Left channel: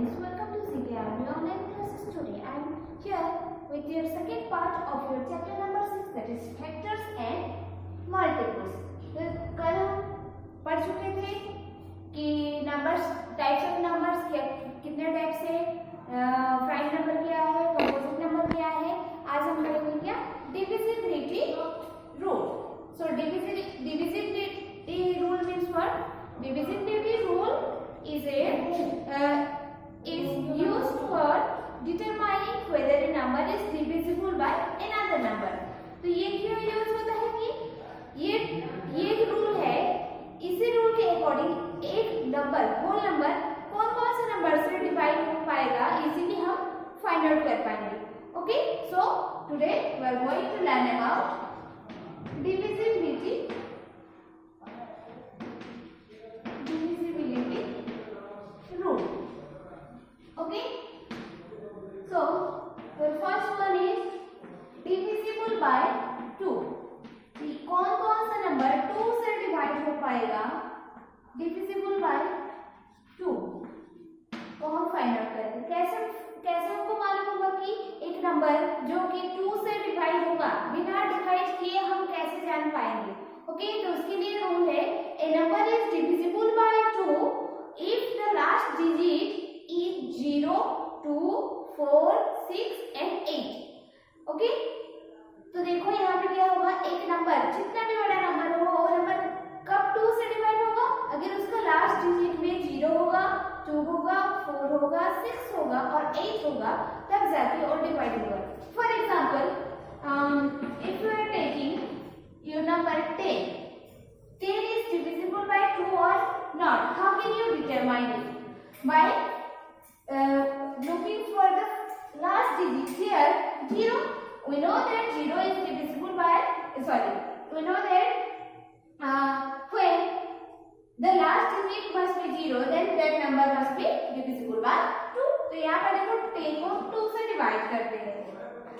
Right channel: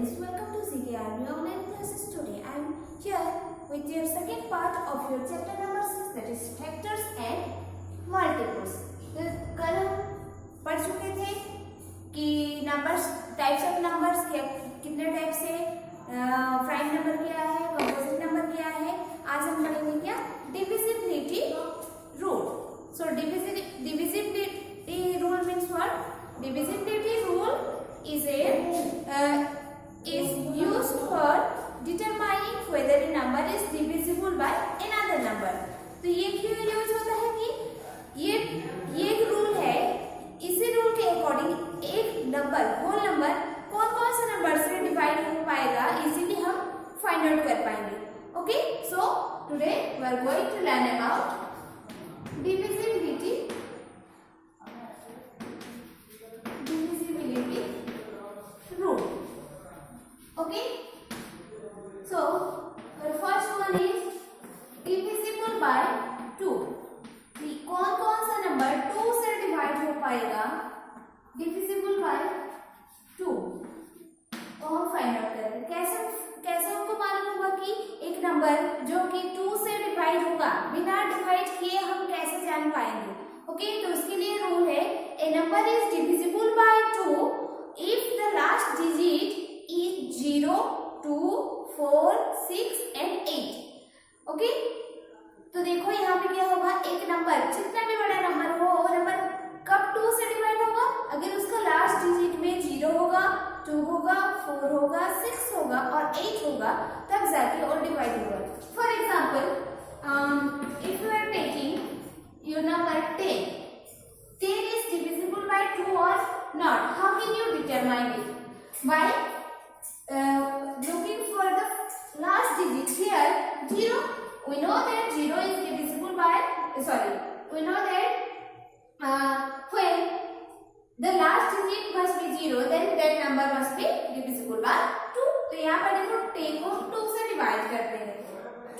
students, welcome to CKRB online classes. Today I am here with your second part of your chapter number 6, that is factors and multiples. तो कल हम पढ़ चुके थे कि numbers, types of numbers, कितने type से, prime number क्या है, कंपोजिट नंबर क्या है. आज हम पढ़ेंगे क्या, divisibility rule. So divisibility rule means what? Divisibility rule is used for determining whether a number is divisible by another number. तो ये क्यों यूज होता है कि ये एक रूल है. इसी रूल के अकॉर्डिंग एक नंबर, होल नंबर कौन कौन से नंबर से डिवाइड हो पाएगा इजीली हम फाइंड आउट कर पाएंगे. Okay, so today we are going to learn about divisibility rule. Okay, so the first one is divisible by 2. कौन कौन सा नंबर 2 से डिवाइड हो पाएगा, divisible by 2, तो हम फाइंड आउट करेंगे. कैसे हमको मालूम होगा कि एक नंबर जो कि 2 से डिवाइड होगा, बिना डिवाइड किए हम कैसे जान पाएंगे. ओके, तो उसके लिए रूल है, a number is divisible by 2 if the last digit is 0, 2, 4, 6 and 8. Okay, तो देखो यहाँ पे क्या होगा, एक नंबर जितना भी बड़ा नंबर हो वो नंबर कब 2 से डिवाइड होगा, अगर उसका लास्ट डिजिट में 0 होगा, 2 होगा, 4 होगा, 6 होगा और 8 होगा, तब जाके और डिवाइड होगा. For example, if you are taking your number 10 is divisible by 2 or not. How can you determine it? By looking for the last digit. Here 0, we know that 0 is divisible by, we know that when the last digit must be 0, then that number must be divisible by 2. तो यहाँ पर देखो 10 को 2 से divide करते हैं.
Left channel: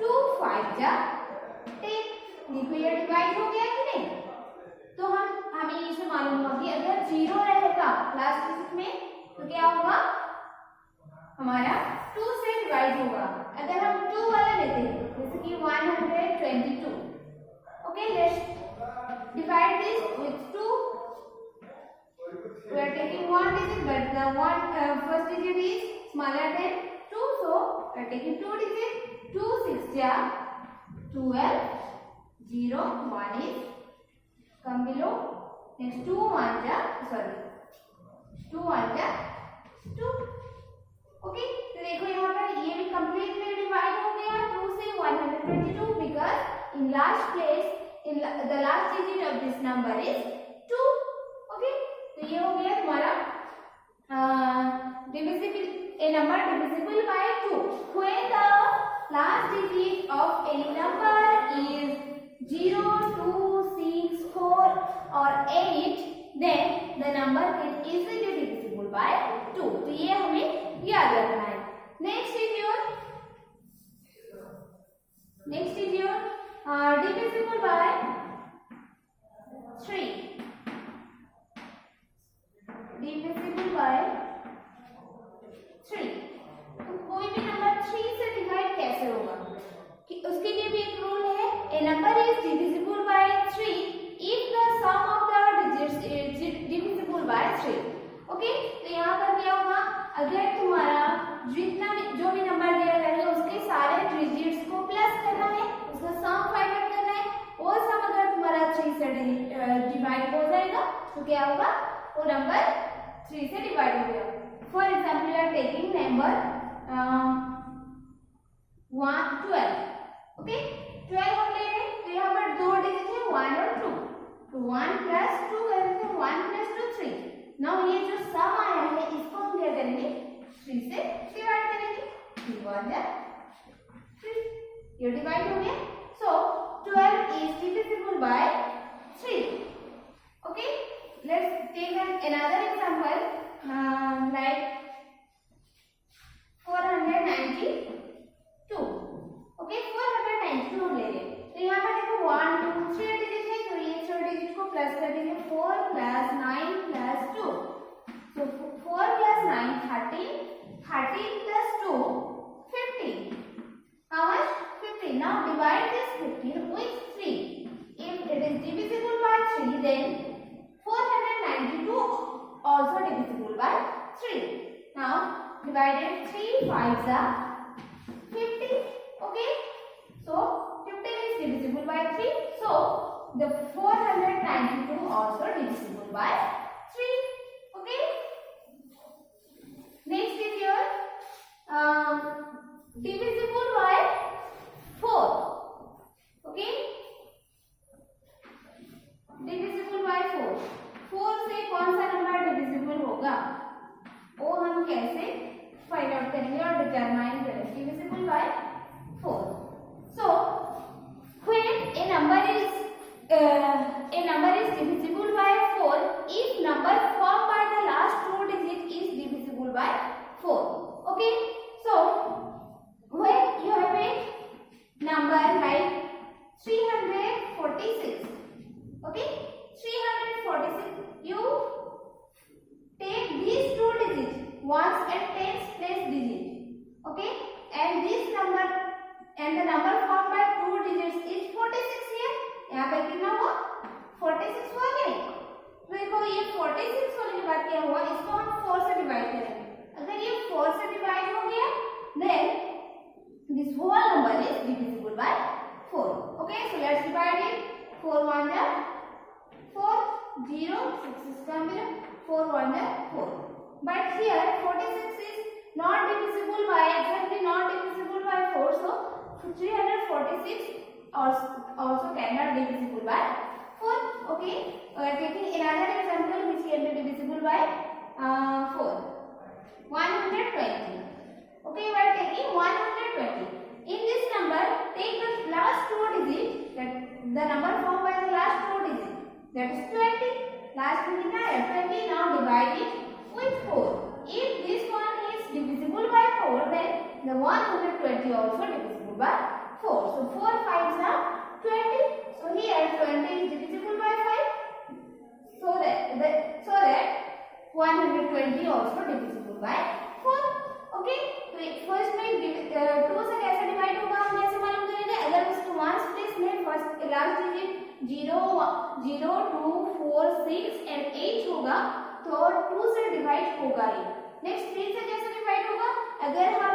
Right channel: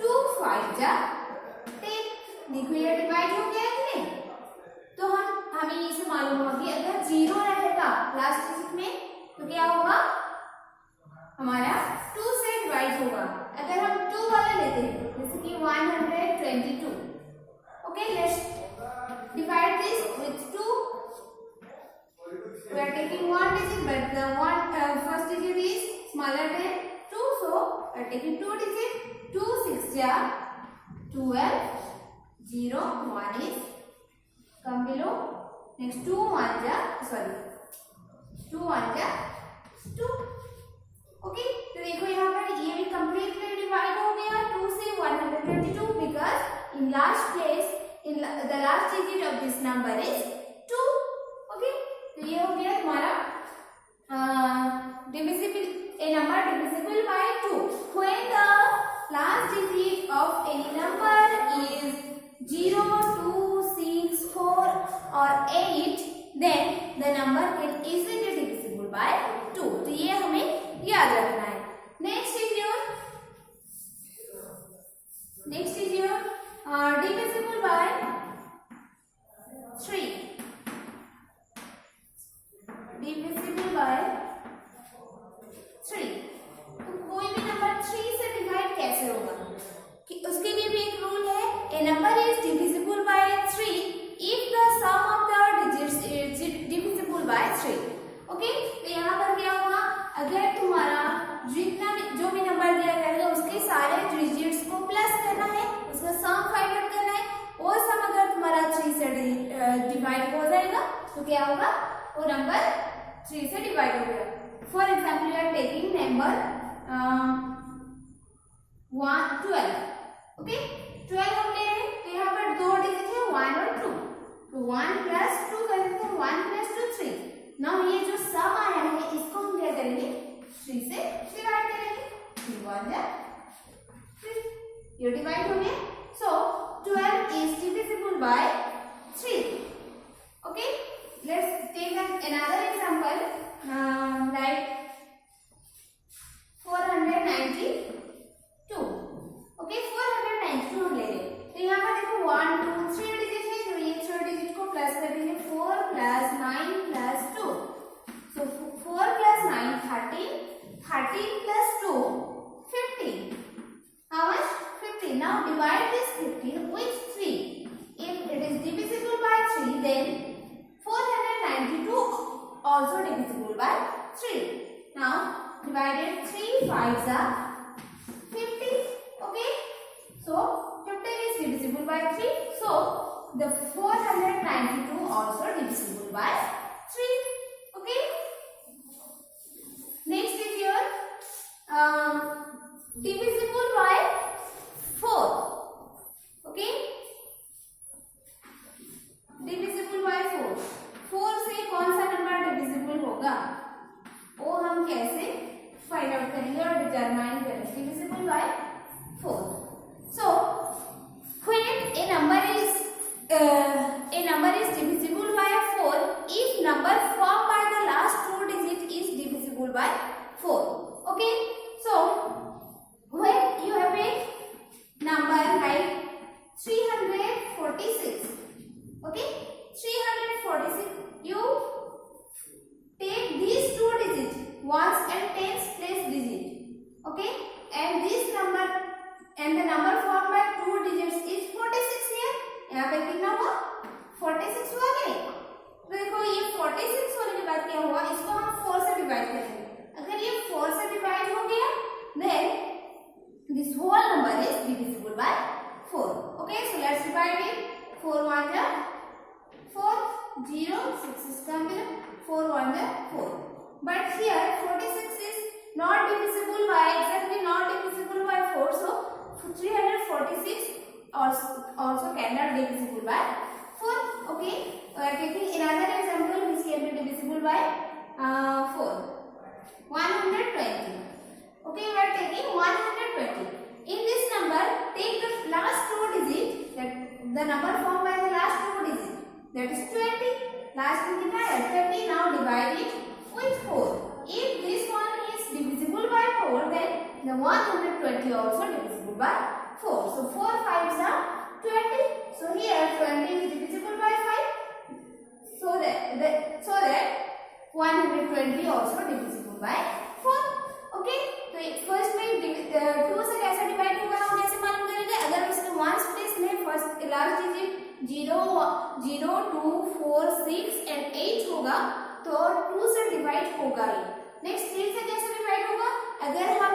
2 5 जा 10. देखो ये डिवाइड हो गया कि नहीं. तो हमें ये से मालूम होगा कि अगर 0 रहेगा लास्ट डिजिट में तो क्या होगा, हमारा 2 से डिवाइड होगा. अगर हम 2 वाला लेते हैं, जैसे कि 122. Okay, let's divide this with 2. We are taking one digit, but the first digit is smaller than 2, so we are taking 2 digit. 2 6 ja 12, 0 1 is come below. Next 2 1 ja 2 1 ja 2. Okay, तो देखो यहाँ पर ये भी कंप्लीटली डिवाइड हो गया 2 से 122, because in last place, the last digit of this number is 2. Okay, तो ये हो गया तुम्हारा divisible, a number divisible by 2 when the last digit of any number is 0, 2, 6, 4 or 8, then the number can easily divisible by 2. तो ये हमें याद रखना है. Next is your divisible by 3. divisible by 3. तो कोई भी नंबर 3 से डिवाइड कैसे होगा, कि उसके लिए भी एक रूल है, a number is divisible by 3 if the sum of the digits is divisible by 3. Okay, तो यहाँ पर क्या होगा, अगर तुम्हारा जितना भी जो भी नंबर दिया गया है उसके सारे डिजिट्स को प्लस करना है, उसका सम फाइंड आउट करना है, वो सम अगर तुम्हारा 3 से डिवाइड हो जाएगा तो क्या होगा, वो नंबर 3 से डिवाइड हो गया. For example, you are taking number 12. Okay, 12 हम ले रहे हैं, तो यहाँ पर 2 डिजिट है 1 और 2, तो 1 प्लस 2 कर देते हैं, 1 प्लस 2 3. नाउ ये जो सम आया है इसको हम क्या करेंगे, 3 से डिवाइड करेंगे. 3 1 है 3, ये डिवाइड हो गया. सो 12 is divisible by 3. Okay, let's take another example, like 492. Okay, 492 हम ले रहे हैं, तो यहाँ पर देखो 1 2 3 डिजिट है, तो ये 3 डिजिट को प्लस कर देंगे. 4 plus 9 plus 2, so 4 plus 9 13. 13 3. Now divided 3 5s are 50. Okay. So 15 is divisible by 3. So the 492 also divisible by 3. Okay. Next is your divisible by 4. Okay. Divisible by 4. 4 से कौन सा नंबर डिविजिबल होगा वो हम कैसे फाइंड आउट करेंगे और determine करेंगे. Divisible by 4. So when a number is divisible by 4 if number formed by the last two digit is divisible by 4. Okay. So when you have a number like 346. Okay, 346. You take these two digits, ones and tens place digit. Okay, and this number and the number formed by two digits is 46 here. यहाँ पे कितना हुआ? 46 हुआ नहीं? तो देखो ये 46 होने के बाद क्या हुआ? इसको हम 4 से डिवाइड करेंगे. अगर ये 4 से डिवाइड हो गया, then this whole number is divisible by 4. Okay, so let's divide it. 4 1 are 4, 0, 6 is coming, 4 1 are 4. But here 46 is not divisible by, exactly not divisible by 4. So 346 also cannot divisible by 4. Okay, we are taking another example which can be divisible by 4. 120. Okay, we are taking 120. In this number, take the last two digits, the number formed by the last two digits. That is 20. Last digit is 20. Now divide it with 4. If this one is divisible by 4, then the 120 also divisible by 4. So 4 5s are 20. So here 20 is divisible by 5. So that 120 also divisible by 4. Okay. तो first में 2 से कैसे divide होगा हम कैसे मालूम करेंगे? अगर उसके वंस प्लेस में फर्स्ट लास्ट डिजिट 0 0 2 4 6 एंड 8 होगा तो 2 से डिवाइड होगा ही. नेक्स्ट 3 से कैसे डिवाइड होगा? अगर हम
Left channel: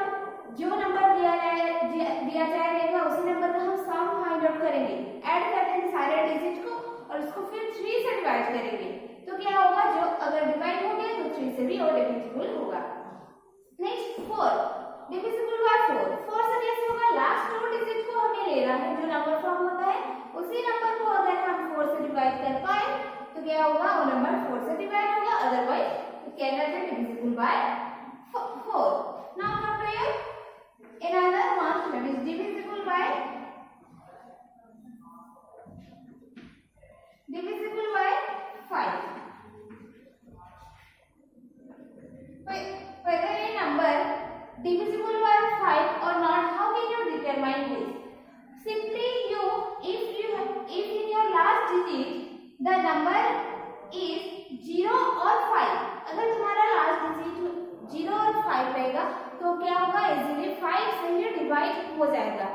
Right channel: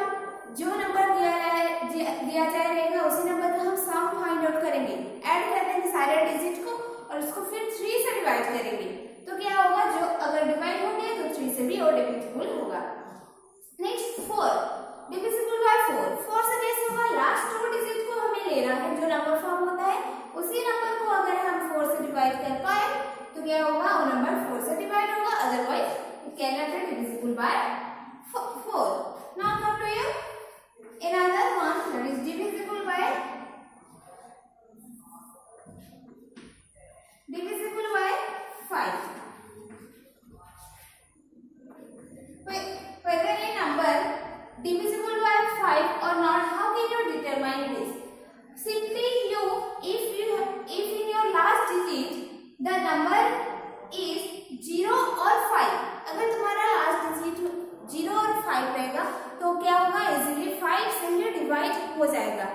जो नंबर दिया जाएगा उसी नंबर का हम सम फाइंड आउट करेंगे, ऐड कर देंगे सारे डिजिट को और उसको फिर 3 से डिवाइड करेंगे. तो क्या होगा? जो अगर डिवाइड हो गया तो 3 से भी और डिविजिबल होगा. Next 4 divisible by 4. 4 से कैसे होगा? लास्ट टू डिजिट को हमें लेना है, जो नंबर फॉर्म होता है उसी नंबर को अगर हम 4 से डिवाइड कर पाए तो क्या होगा? वो नंबर 4 से डिवाइड होगा, otherwise it can not be divisible by 4. Now come to your another one that is divisible by 5. Whether a number divisible by 5 or not, how can you determine this? Simply if in your last digit the number is 0 or 5, अगर तुम्हारा last digit 0 और 5 रहेगा तो क्या होगा? Easily 5 से ही divide हो जाएगा.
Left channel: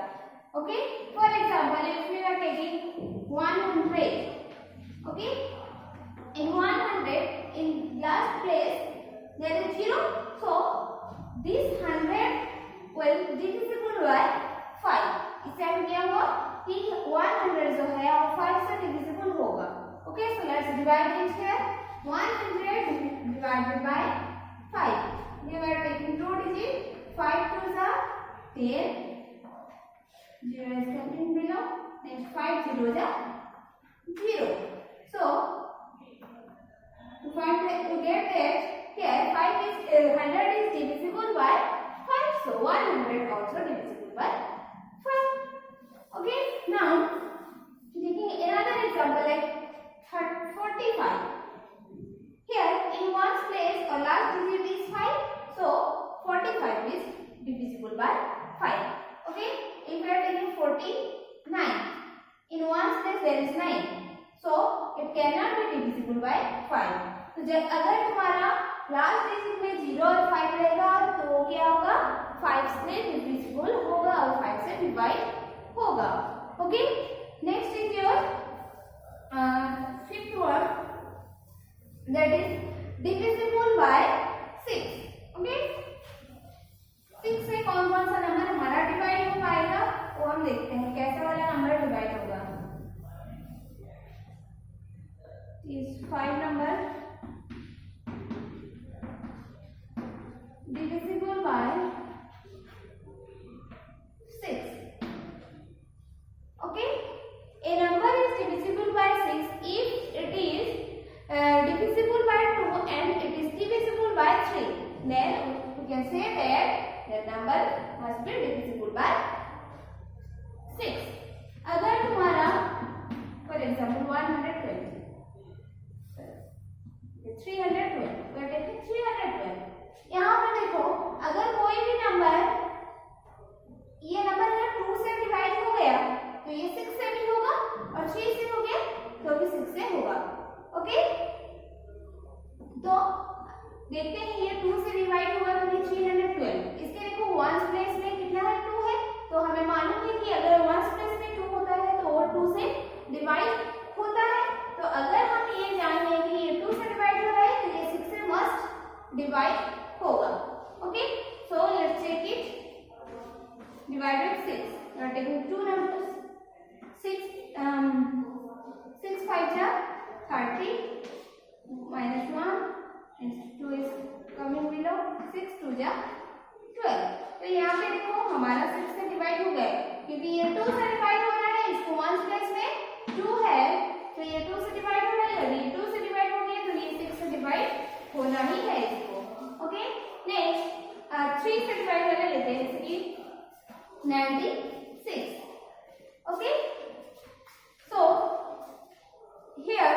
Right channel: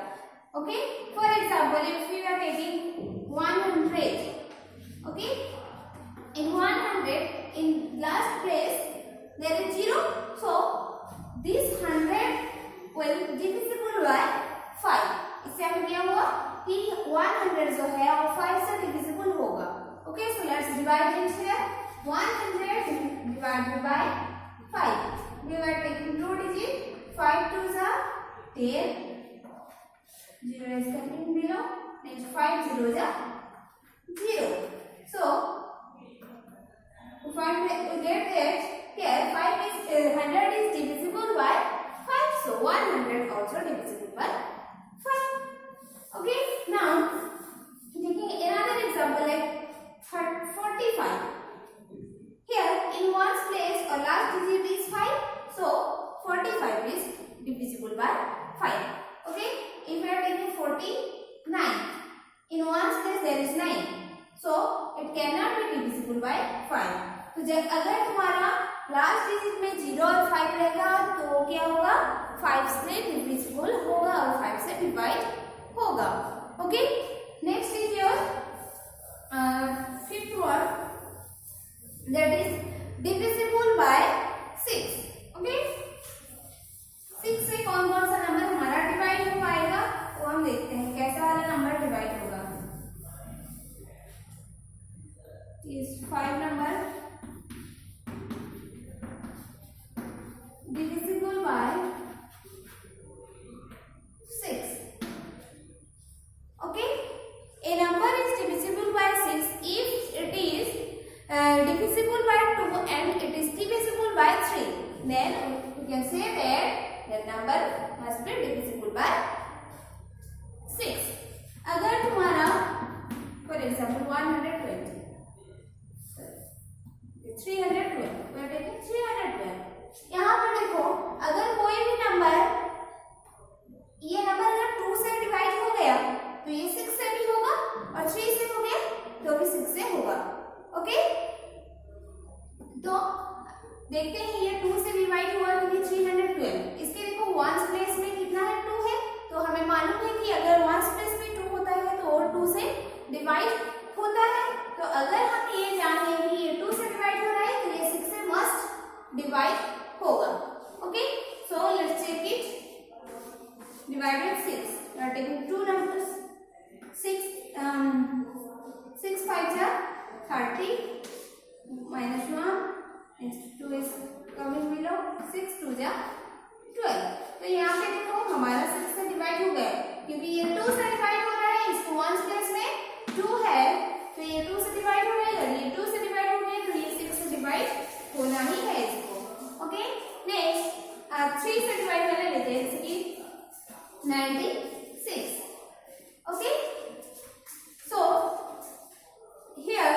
Okay, for example if we are taking 100, okay, in 100 in last place there is 0, so this 100 will divisible by 5. इससे हमें क्या हुआ कि 100 जो है वो 5 से divisible होगा. Okay, so let's divide it here. 100 divided by 5. We are taking two digits. 5 2s are 10. 0 is coming below. Next 5 zeros are 0. So to get that here 5 is 100 is divisible by 5. So 100 also divisible by 5. Okay. Now taking another example like 45. Here in one's place or last digit is 5. So 45 is divisible by 5. Okay. If we are taking 49, in one's place there is 9. So it cannot be divisible by 5. तो जब अगर तुम्हारा last digit में 0 और 5 रहेगा तो क्या होगा? 5 से डिविजिबल होगा और 5 से डिवाइड होगा. Okay, next is your fifth one, that is divisible by 6. Number must be divisible bye 6. अगर तुम्हारा फॉर एग्जाम्पल 120 312 यहाँ पर देखो, अगर कोई भी नंबर, ये नंबर अगर 2 से डिवाइड हो गया तो ये 6 से भी होगा, और 3 से हो गया तो भी 6 से होगा. ओके, तो देखते हैं ये 2 से डिवाइड हुआ तो ये 312. इसके देखो वंस प्लेस में कितना है, 2 है, तो हमें मालूम है कि अगर वंस प्लेस में 2 होता है तो और 2 से डिवाइड होता है. तो अगर हम ये जाने कि ये 2 से डिवाइड हो रहा है तो ये 6 से मस्ट डिवाइड होगा. Okay, so let's check it. Divided 6. We are taking two numbers. 6 5 are 30 minus 1 and 2 is coming below. 6 2 are 12. तो यहाँ पे देखो हमारा 6 से डिवाइड हो गया, क्योंकि ये 2 से डिवाइड हो रहा है. इसको वंस प्लेस में 2 है तो ये 2 से डिवाइड हो रहा है, और ये 2 से डिवाइड हो गया तो ये 6 से डिवाइड होना ही है इसको. ओके, नेक्स्ट 3 से डिवाइड करने लेते हैं, जैसे कि 96. Okay, so here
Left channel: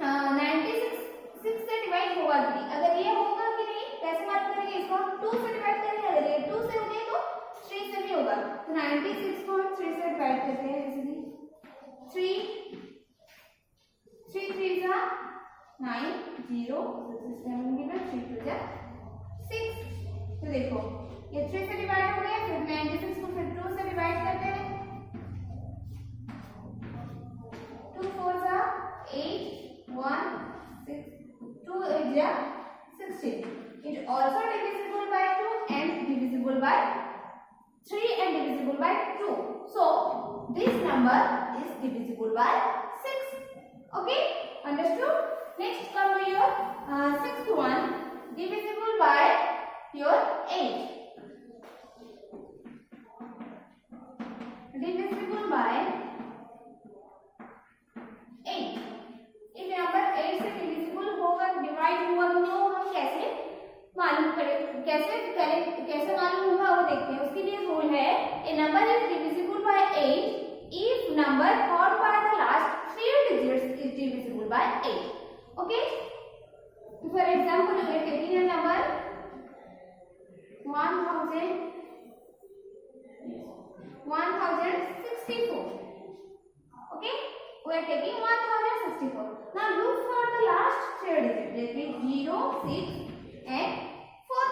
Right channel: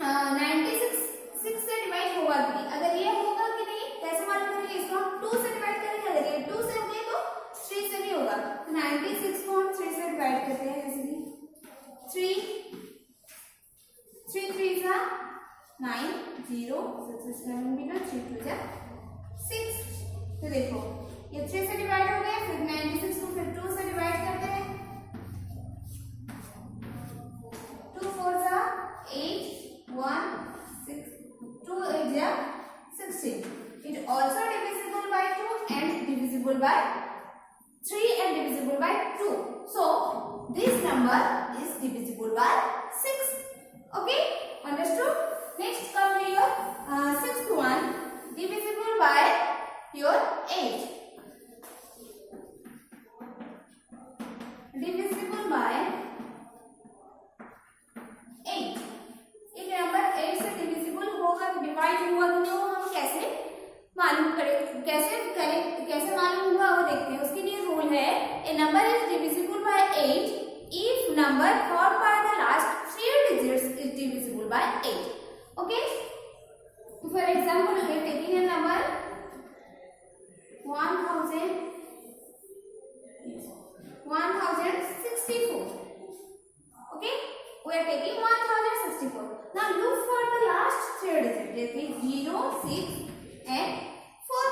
96 6 से डिवाइड होगा कि नहीं, अगर ये होगा कि नहीं कैसे मालूम करेंगे, इसको हम 2 से डिवाइड करेंगे. अगर ये 2 से हो गए तो 3 से भी होगा. तो 96 को हम 3 से डिवाइड करते हैं, जैसे कि 3 3 are 9 0 6 is coming below, 3 2 are 6. तो देखो ये 3 से डिवाइड हो गया, फिर 96 को फिर 2 से डिवाइड करते हैं. 2 4 are 8 1 6 2 8 are 16. It also divisible by 2 and divisible by 3 and divisible by 2. So this number is divisible by 6. Okay, understood? Next come to your 6th one, divisible by your 8. Divisible by 8. एक number 8 से divisible होगा, divide हुआ तो हम कैसे मालूम करें, कैसे मालूम होगा वो देखते हैं. उसके लिए रूल है, a number is divisible by 8 if number form by the last 3 digits is divisible by 8. Okay, for example we are taking a number 1064. Okay, we are taking 1064. Now look for the last 3 digits. Let me 0 6 and 4.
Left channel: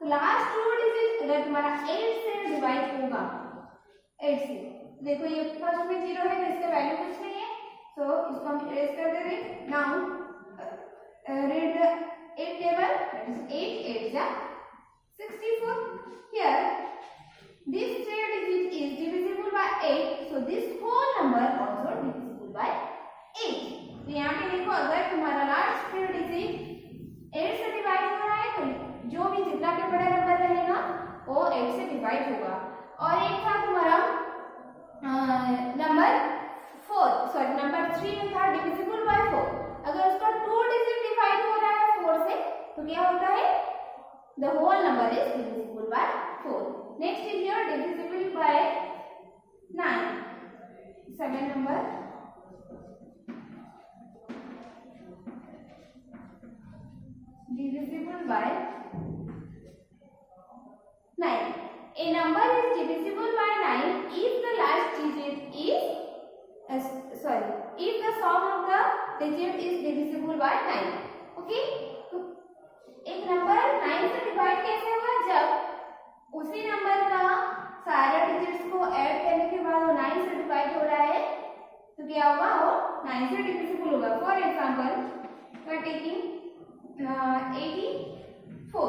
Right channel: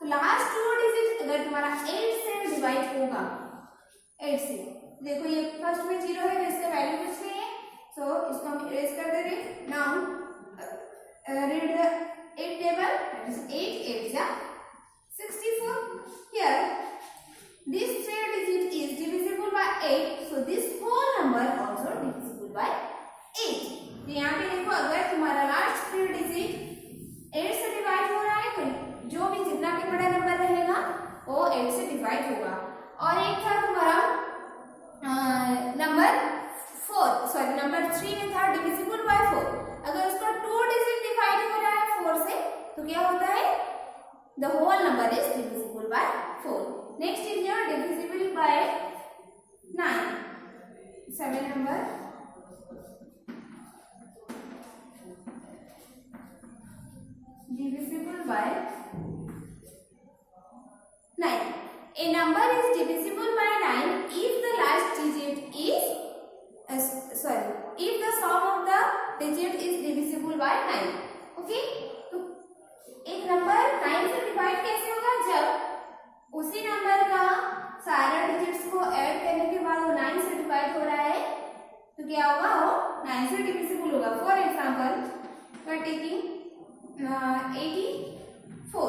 तो last 2 digit अगर तुम्हारा 8 से divide होगा, 8 से देखो ये first में 0 है तो इसका वैल्यू कुछ नहीं है, सो इसको हम इरेज कर दे रहे. Now read the 8 table. That is 8 8 are 64. Here this 3 digit is divisible by 8, so this whole number also divisible by 8. तो यहाँ पे देखो अगर तुम्हारा लास्ट 3 डिजिट 8 से डिवाइड हो रहा है तो जो भी जितना भी बड़ा नंबर रहेगा वो 8 से डिवाइड होगा. और एक था तुम्हारा नंबर 3 में था डिविजिबल बाय 4. अगर उसका 2 डिजिट डिवाइड हो रहा है 4 से तो क्या होता है, the whole number is divisible by 4. Next is your divisible by 9. 7 number divisible by 9. A number is divisible by 9 if the last digit is if the sum of the digit is divisible by 9. Okay, तो एक number 9 से divide कैसे होगा, जब उसी number का सारे digits को ऐड करने के बाद वो 9 से डिवाइड हो रहा है तो क्या होगा, वो 9 से डिविजिबल होगा. For example we are taking 84.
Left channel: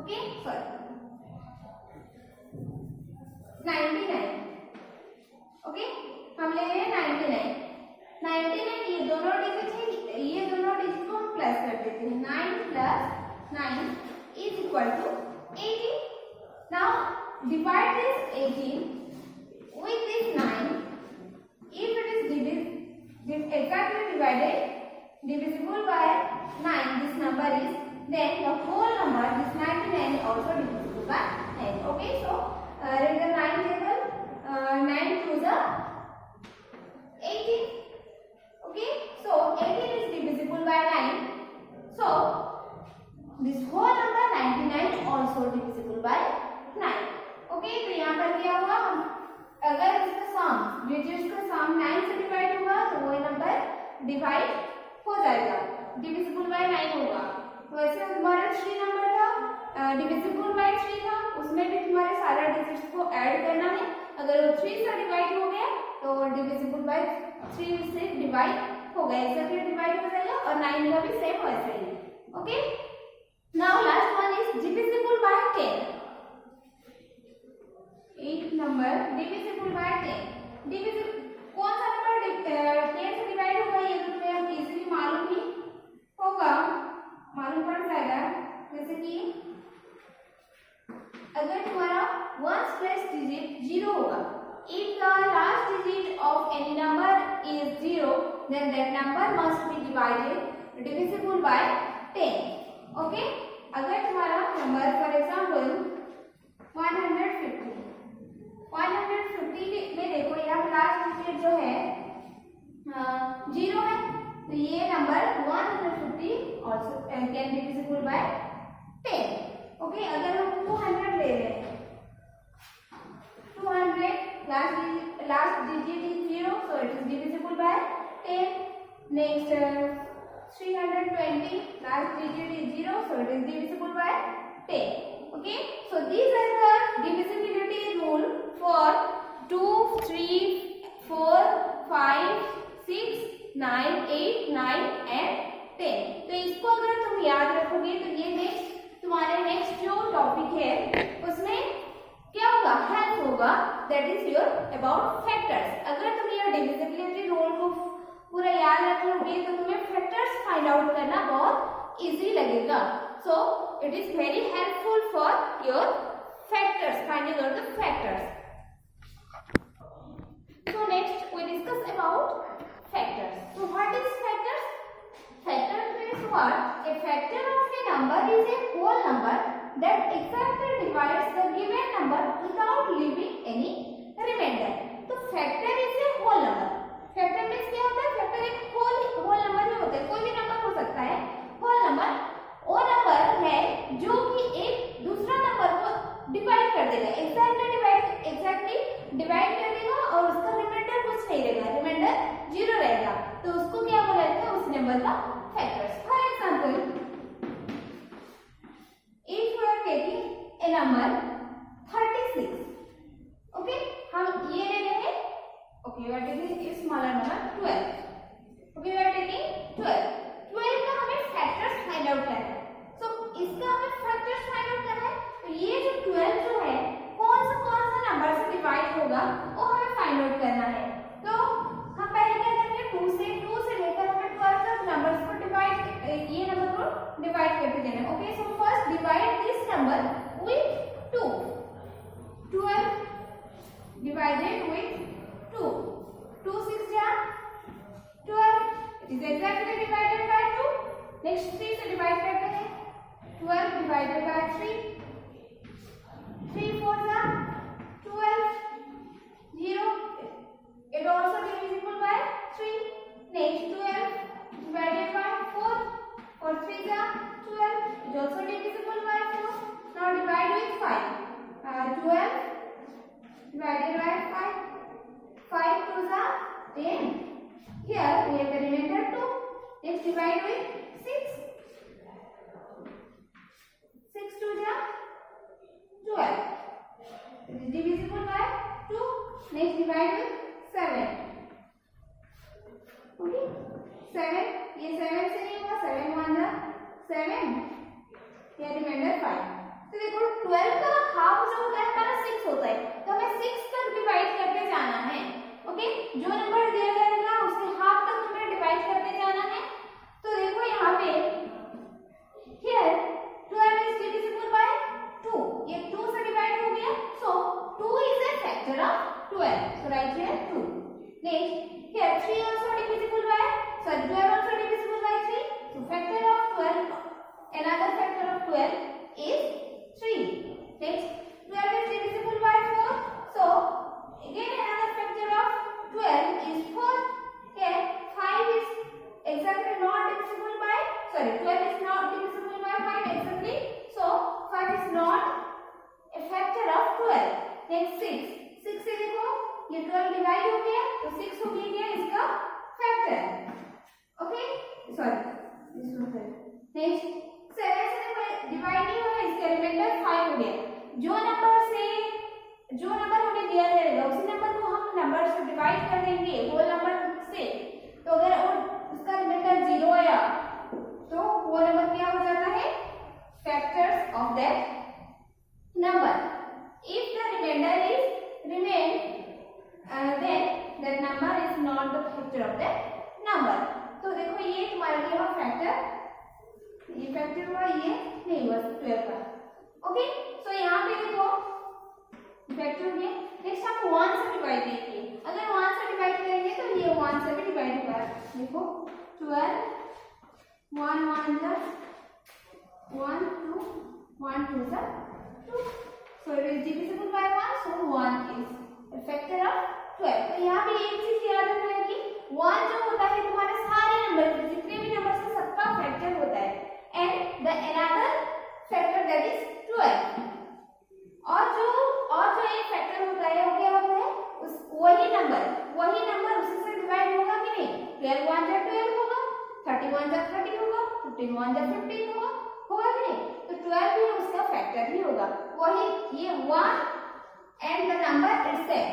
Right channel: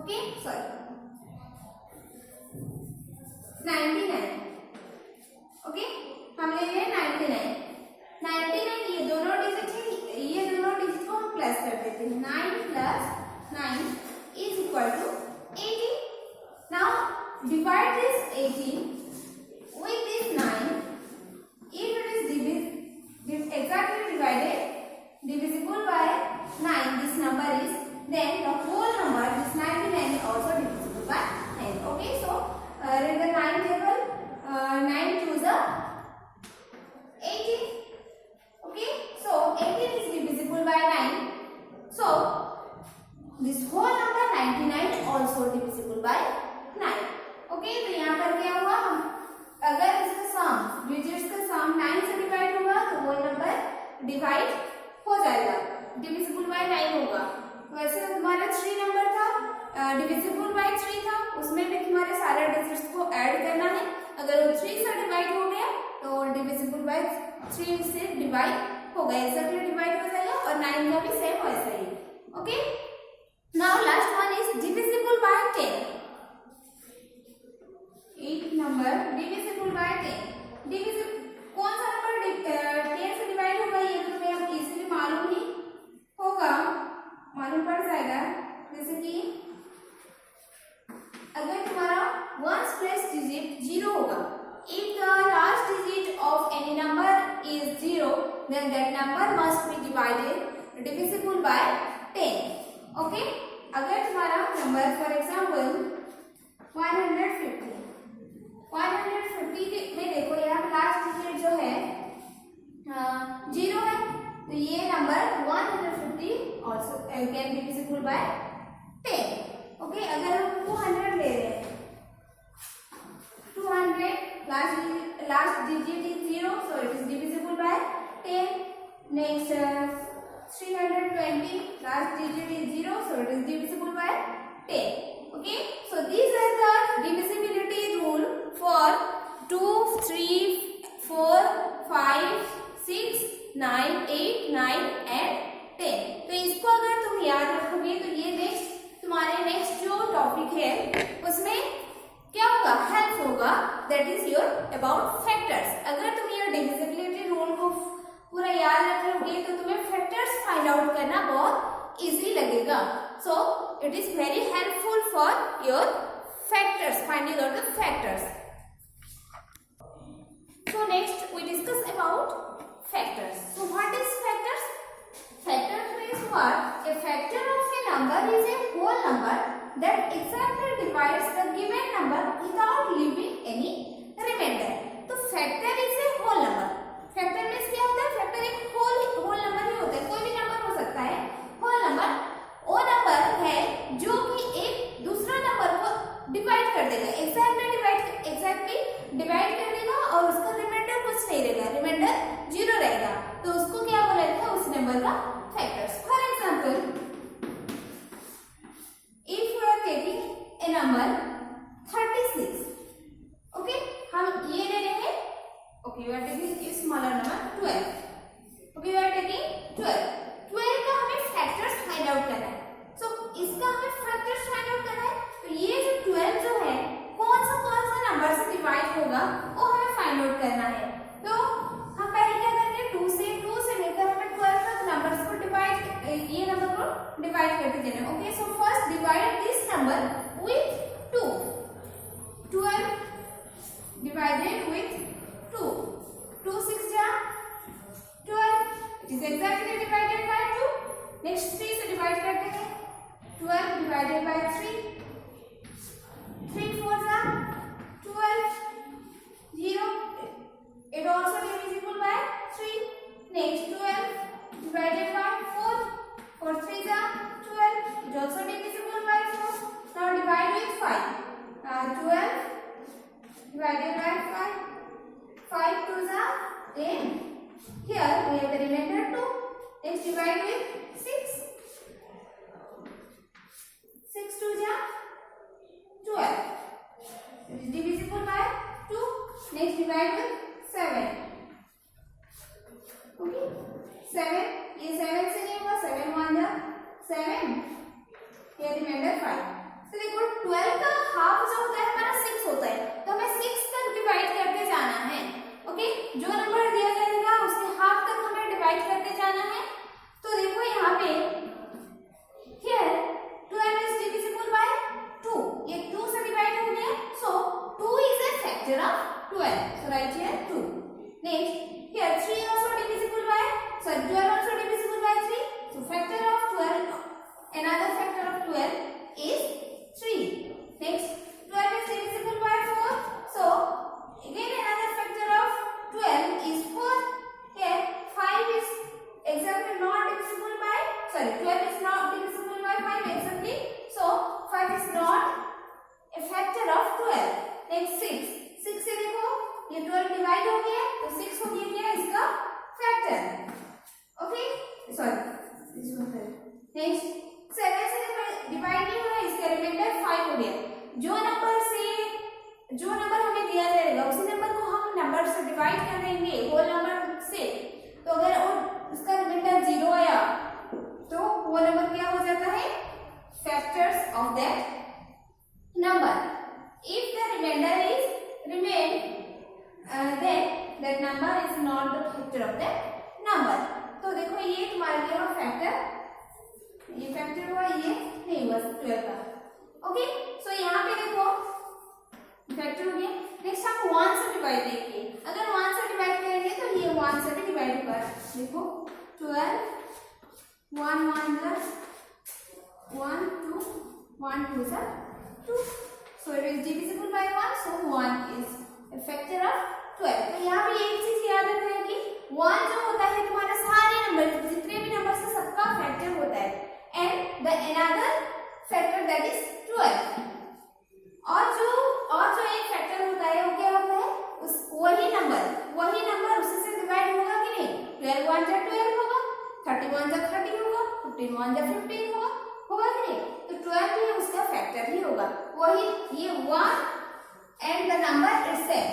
Okay, sorry 99. Okay, हम ले रहे हैं 99. ये दोनों डिजिट है, ये दोनों डिजिट को हम प्लस कर देते हैं. 9 plus 9 is equal to 18. Now divide this 18 with this 9. If it is exactly divided divisible by 9, this number is, then the whole number, this 99 is also by 9. Okay, तो यहाँ पर क्या हुआ, हम अगर इसका सम डिजिट्स का सम 9 से डिवाइड होगा तो वो नंबर डिवाइड हो जाएगा, डिविजिबल बाय 9 होगा। वैसे तुम्हारा 3 नंबर था, डिविजिबल बाय 3 था, उसमें भी तुम्हारे सारे डिजिट्स को ऐड करना है। अगर वो 3 से डिवाइड हो गया तो डिविजिबल बाय 3 से डिवाइड होगा, एक्सेप्टली डिवाइड हो जाएगा, और 9 का भी सेम वैसे ही। Okay, now last one is divisible by 10। 8 number divisible by 10। Divisible कौन सा नंबर 10 से डिवाइड होगा, ये तो तुम्हें इजीली मालूम ही होगा, मालूम पड़ जाएगा। जैसे कि अगर तुम्हारा वंस प्लेस डिजिट 0 होगा, if the last digit of any number is 0, then that number must be divided divisible by 10. Okay, अगर तुम्हारा नंबर फॉर एग्जाम्पल 150 में देखो यहाँ लास्ट डिजिट जो है 0 है, तो ये number 150 also can be divisible by 10. Okay, अगर हम 200 ले रहे हैं, 200 last digit is 0, so it is divisible by 10. Next 320 last digit is 0, so it is divisible by 10. Okay, so these are the divisibility rule for 2, 3, 4, 5, 6, 9, 8, 9 and 10. तो इसको अगर तुम याद रखोगे तो ये तुम्हारे नेक्स्ट जो टॉपिक है उसमें क्या होगा, हेल्प होगा, that is your about factors. अगर तुम ये डिविजिबिलिटी रूल को पूरा याद रख लोगे तो तुम्हें फैक्टर्स फाइंड आउट करना बहुत इजी लगेगा। So it is very helpful for your factors, finding out the factors. So next we discuss about factors. So what is factors? Factors means what? A factor of a number is a whole number that exactly divides the given number without leaving any remainder. तो factor is a whole number. Factor means क्या होता है? Factor एक whole number ही होता है, कोई भी number हो सकता है। whole number वो नंबर है जो कि एक दूसरा नंबर को डिवाइड कर देगा, exactly डिवाइड कर देगा और उसका रिमाइंडर कुछ नहीं रहेगा, रिमाइंडर 0 रहेगा, तो उसको क्या बोला जाता है, उस नंबर का factors. For example, if you are taking a number 36, okay, हम ये ले लेंगे, okay, you are taking a smaller number 12, okay, you are taking 12 का हमें factors find out करना है, so इसका हमें factors find out करना है, तो ये जो 12 जो है कौन सा नंबर से डिवाइड होगा वो हमें फाइंड आउट करना है। तो हम पहले क्या करेंगे, 2 से लेकर हमें 12 तक नंबर्स को ये नंबर को डिवाइड करके देना है। Okay, so first divide this number with 2, 12 divided with 2, 2 6 जा 12, it is exactly divided by 2। Next 3 से डिवाइड करते हैं, 12 डिवाइडेड बाय 3, 3 4 जा 12, 0, it also divisible by 3. Next 12 divided by 4, 4 3 जा 12, it also divisible by 4. Now divide with 5, 12 divided by 5, 5 2 जा 10, here we have the remainder 2. Next divide with 6, 6 2 जा 12, it is divisible by 2. Next divide with 7, okay, 7, ये 7 से नहीं हुआ, 7 1 जा 7, ये reminder 5। तो देखो 12 का हाफ जो होता है हमारा 6 होता है, तो हमें 6 तक डिवाइड करके जाना है। ओके, जो नंबर दिया जाएगा उसके हाफ तक हमें डिवाइड करके जाना है। तो देखो यहाँ पे here 12 is divisible by 2, ये 2 से डिवाइड हो गया, so 2 is a factor of 12, so write here 2. Next here 3 also divisible by, sorry 12 also divisible by 3, so factor of 12, another factor of 12 is 3. Next 12 is divisible by 4, so again another factor of 12 is 4. Here 5 is exactly not divisible by, sorry 12 is not divisible by 5 exactly, so 5 is not reminder 5 हो गया। जो number हमें दिया जाएगा उसी number को हम number से डिवाइड कर देंगे होल नंबर से। तो अगर उसका रिमाइंडर 0 आया तो वो नंबर क्या हो जाता है, factors of that number. If the reminder is remain then that number is not the factor of that number। तो देखो ये तुम्हारे लिए हुआ फैक्टर, ये फैक्टर हुआ, ये नहीं हुआ 12 का। ओके, सो यहाँ पे देखो फैक्टर हो गया। नेक्स्ट हम 1 से डिवाइड करेंगे। अगर 1 से डिवाइड करेंगे तो ये 1 से भी डिवाइड होगा। देखो 12 1 1 plus 1 2 1 2 is 2, so it is divisible by 1, so 1 is a factor of 12। तो यहाँ पे एक चीज याद रखना कि 1 जो होता है तुम्हारे सारे नंबर जितने भी नंबर से सबका फैक्टर होता है, and the another factor that is 12। और जो एक फैक्टर होता है वो क्या होता है, उस वही नंबर उसी से डिवाइड होगा कि नहीं। 12 1 जा 12 होगा, 31 जा 30 होगा, 15 1 जा 15 होगा कि नहीं। तो 12 भी उसका फैक्टर ही होगा, वही ये 1 and the number itself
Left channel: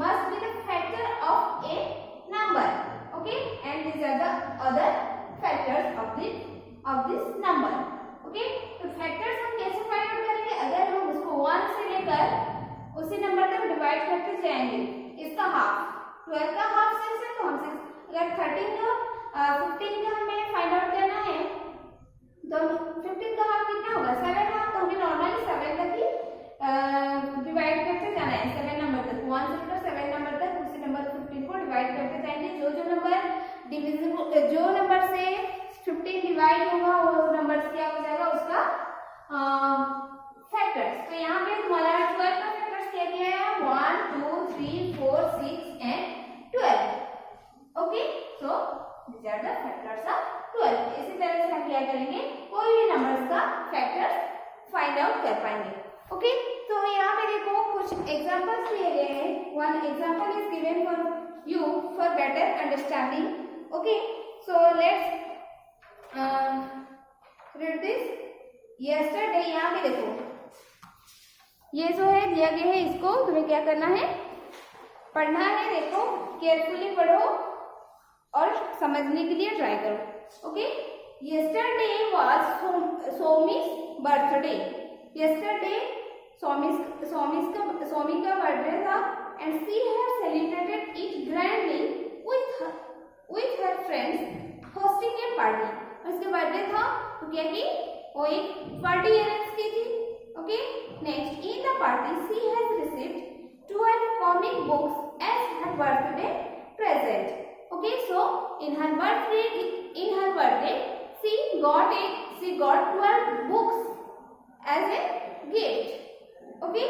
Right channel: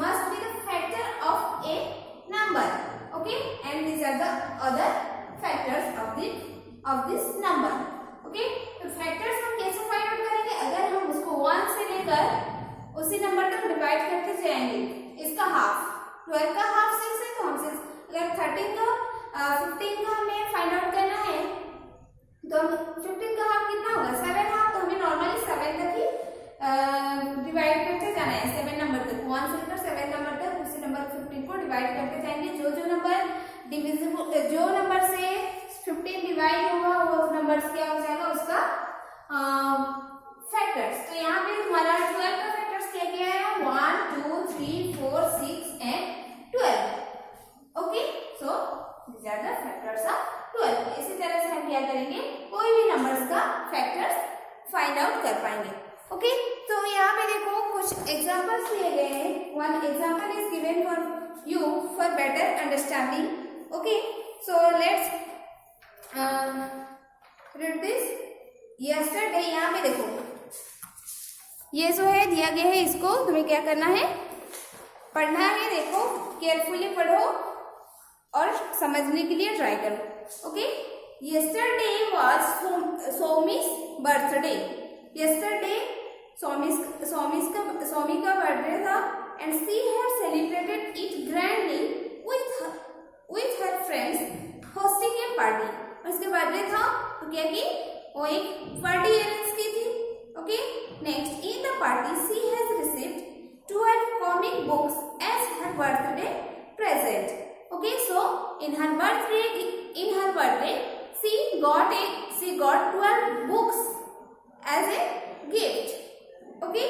must be the factor of a number। okay, and these are the other factors of this number। okay, तो factors हम कैसे फाइंड आउट करेंगे, अगर हम उसको 1 से लेकर उसी नंबर तक डिवाइड करते जाएंगे। इसका हाफ 12 का हाफ 6 है, तो हम 6 अगर 13 का 15 का हमें फाइंड आउट करना है तो 15 का हाफ कितना होगा 7 हाफ। तो हमें नॉर्मली 7 तक ही डिवाइड करते जाना है, 7 नंबर तक, 1 से लेकर 7 नंबर तक उसी नंबर 15 को डिवाइड करते जाएंगे। जो नंबर डिविजिबल, जो नंबर से 15 डिवाइड होगा वो नंबर क्या हो जाएगा उसका फैक्टर्स। तो यहाँ पे तुम्हारा 12 का फैक्टर्स क्या क्या है, 1 2 3 4 6 and 12। Okay, so these are the factors of 12। इसी तरह से हम क्या करेंगे, कोई भी नंबर्स का फैक्टर्स फाइंड आउट कर पाएंगे। ओके, तो यहाँ पे देखो कुछ एग्जांपल्स दिए गए हैं। One example is given for you for better understanding. Okay, so let's read this. Yesterday, यहाँ पे देखो ये जो है दिया गया है, इसको तुम्हें क्या करना है, पढ़ना है। देखो केयरफुली पढ़ो और समझने के लिए ट्राई करो। ओके, यस्टरडे वाज सोमी's बर्थडे। यस्टरडे सोमी का बर्थडे था, and she had celebrated it grandly with her friends hosting a party. उसका बर्थडे था तो क्या की, वो एक पार्टी अरेंज की थी। Okay, next, in the party she has received 12 comic books as her birthday present. Okay, so in her birthday she got 12 books as a gift। okay,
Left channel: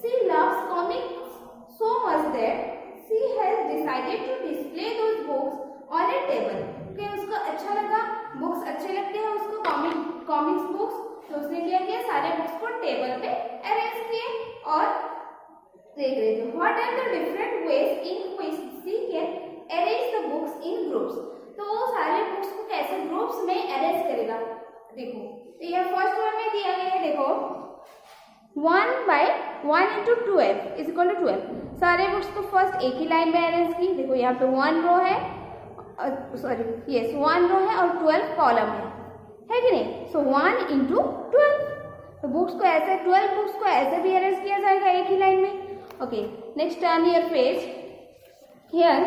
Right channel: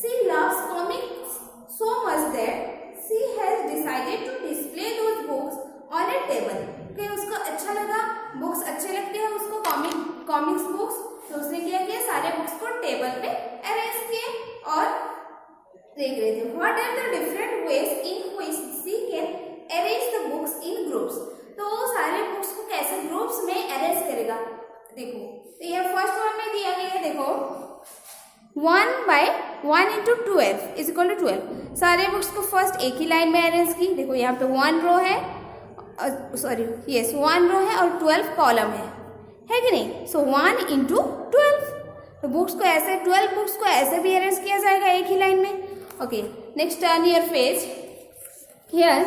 she loves comics so much that she has decided to display those books on a table। okay, उसको अच्छा लगा, books अच्छे लगते हैं उसको, comics books, तो उसने क्या किया, सारे बुक्स को टेबल पे अरेंज किए और देख रहे थे। What are the different ways in which she can arrange the books in groups. तो सारे बुक्स को कैसे ग्रुप्स में अरेंज करेगा। देखो तो ये फर्स्ट वन में दिया गया है, देखो 1 by 1 into 12 is equal to 12। सारे बुक्स को फर्स्ट एक ही लाइन में अरेंज की। देखो यहाँ पे 1 रो है, सॉरी यस 1 रो है और 12 कॉलम है कि नहीं। सो 1 into 12, तो बुक्स को ऐसे 12 बुक्स को ऐसे भी अरेंज किया जाएगा एक ही लाइन में। Okay, next turn your page. Here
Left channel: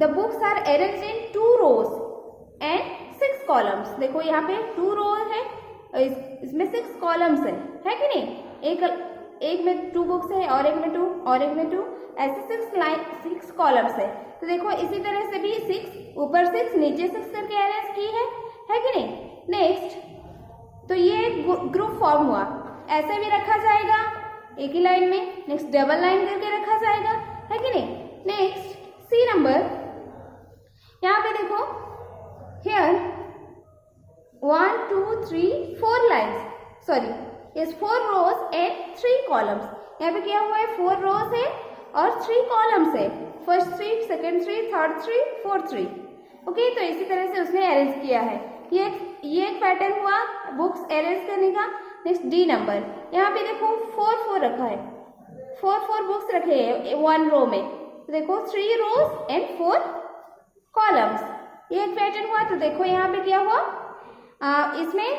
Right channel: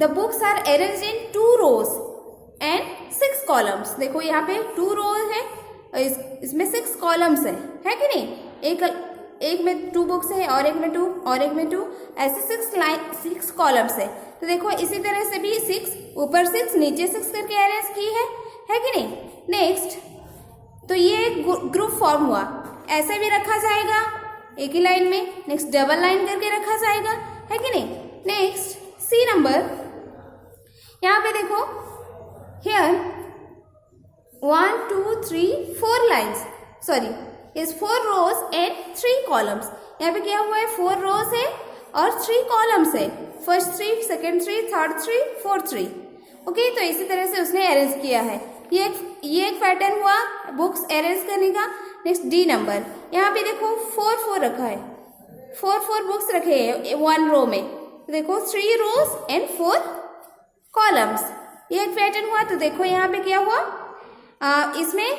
the books are arranged in 2 rows and 6 columns। देखो यहाँ पे 2 rows है और इसमें 6 columns है कि नहीं। एक में 2 बुक्स है और एक में 2 और एक में 2, ऐसे 6 columns है। तो देखो इसी तरह से भी 6 ऊपर 6 नीचे 6 करके अरेंज की है कि नहीं। नेक्स्ट, तो ये एक ग्रुप फॉर्म हुआ, ऐसे भी रखा जाएगा एक ही लाइन में। नेक्स्ट, डबल लाइन करके रखा जाएगा, है कि नहीं। नेक्स्ट, सी नंबर, यहाँ पे देखो here 1 2 3 4 lines, sorry is 4 rows and 3 columns. यहाँ पे क्या हुआ है, 4 रोज है और 3 कॉलम्स है। First 3, second 3, third 3, fourth 3। Okay, तो इसी तरह से उसने अरेंज किया है। ये एक पैटर्न हुआ बुक्स अरेंज करने का। नेक्स्ट डी नंबर, यहाँ पे देखो 4 रखा है, 4 बुक्स रखे हैं 1 रो में। तो देखो 3 रोज एंड 4 कॉलम्स, ये एक पैटर्न हुआ। तो देखो यहाँ पे क्या हुआ, इसमें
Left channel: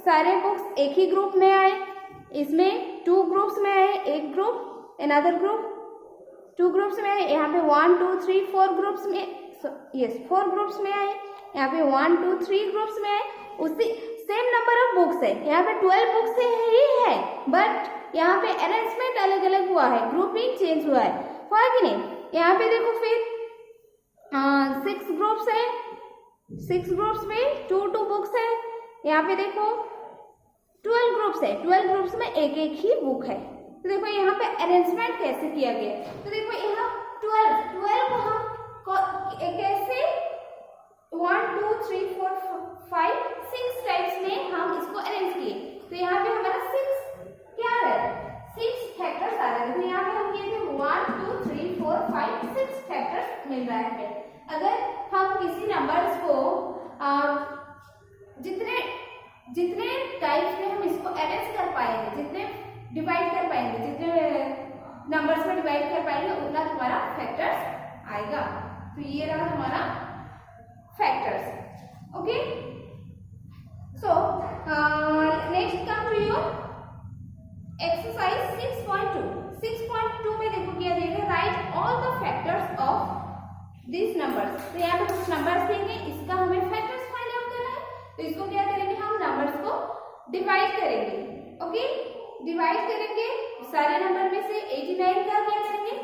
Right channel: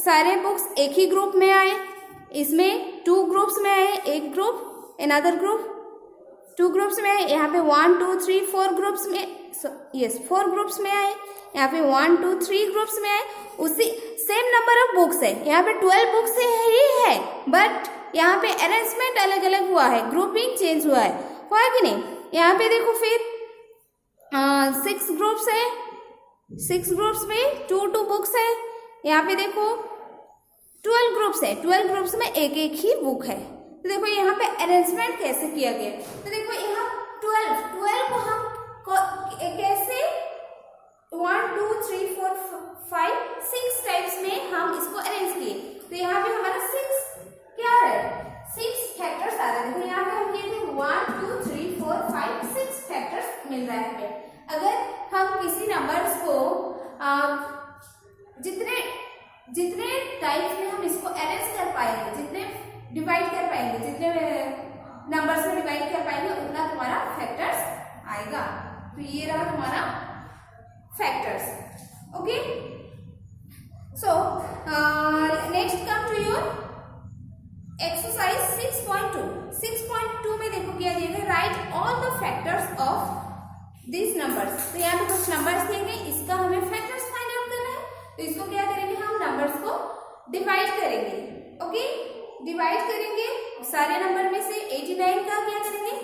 सारे बुक्स एक ही ग्रुप में आए, इसमें 2 ग्रुप्स में आए, एक ग्रुप अनदर ग्रुप, 2 ग्रुप्स में आए। यहाँ पे 1 2 3 4 ग्रुप्स में, यस 4 ग्रुप्स में आए। यहाँ पे 1 2 3 ग्रुप्स में आए। उसी सेम नंबर ऑफ बुक्स है, यहाँ पे 12 बुक्स ही है, बट यहाँ पे अरेंजमेंट अलग अलग हुआ है, ग्रुपिंग चेंज हुआ है कि नहीं। यहाँ पे देखो फिर 6 ग्रुप्स है, 6 ग्रुप्स में 2 बुक्स है। यहाँ पे देखो 12 ग्रुप्स है, 12 ग्रुप्स में एक ही बुक है। तो देखो यहाँ पे अरेंजमेंट कैसे किया गया। तो देखो यहाँ 12 को हम कैसे 1 2 3 4 5 6 टाइप्स में हम इसको अरेंज किए। तो यहाँ पे हमारा 6 क्या आ रहा है, 6 फैक्टर्स आ रहे हैं। देखो यहाँ पे हम किए थे 1 2 3 4 5 6 फैक्टर्स मिल रहा है। अगर हम किसी नंबर्स को जितने टाइप्स में हम इसको अरेंज कर पाएंगे, जितने डिवाइड कर पाएंगे, जितने नंबर्स में डिवाइड कर पाएंगे, उतना तुम्हारा फैक्टर्स आएगा। तो ये रहा तुम्हारा factors. Okay, so next come to your exercise 6.2। 6.2 में देखो क्या दिया है, write all the factors of this numbers. तो यहाँ पे कुछ नंबर्स देंगे, इसका हमें फैक्टर्स फाइंड आउट करना है। तो इसको क्या करेंगे, हम नंबर्स को डिवाइड करेंगे। ओके, डिवाइड करेंगे सारे नंबर में से 89 का क्या करेंगे।